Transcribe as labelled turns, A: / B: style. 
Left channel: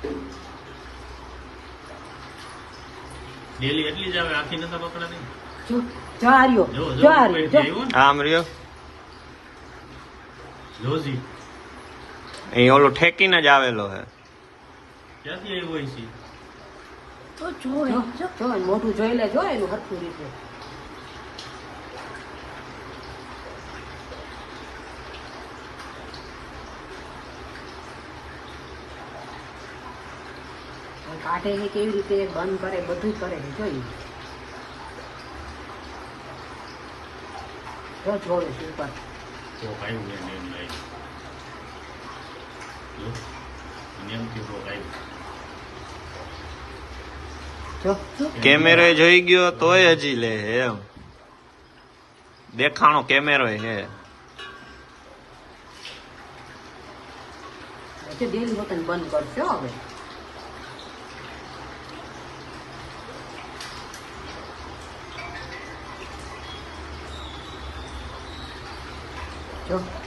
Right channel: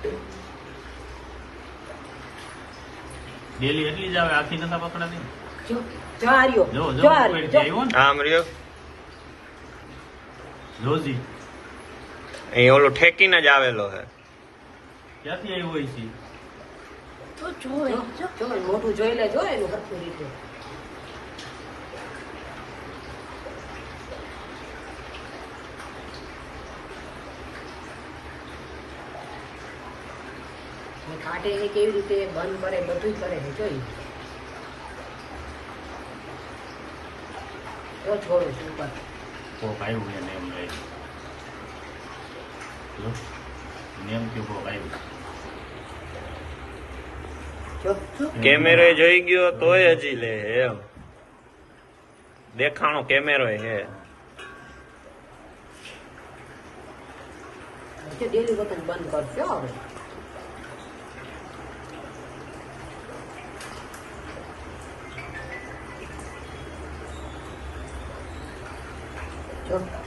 A: Daily એટલી જ આવે, આથી નતા પકડાતી.
B: આમ રહ્યો
A: રોજી
B: અહીં ઓલું ઠેકીને જ આવેલો હે.
A: ક્યાંથી આવ્યો હોય છે?
C: મોટું જોઈ લેજો એનું હરખી રીતે. કાઢે છે કેવી રીતે બંધ કરે બધું કરે છે જોઈ. તો છોડું છું ઉપર.
A: કોક આવ્યું ને એમ લાગે. નિયમથી કોક આવ્યું.
B: કેમેરો જોઈ ગયો તોય હજી લે એમ દેખાણો કેમેરો હે.
C: ડેલી બટન બંધ કરશો હવે.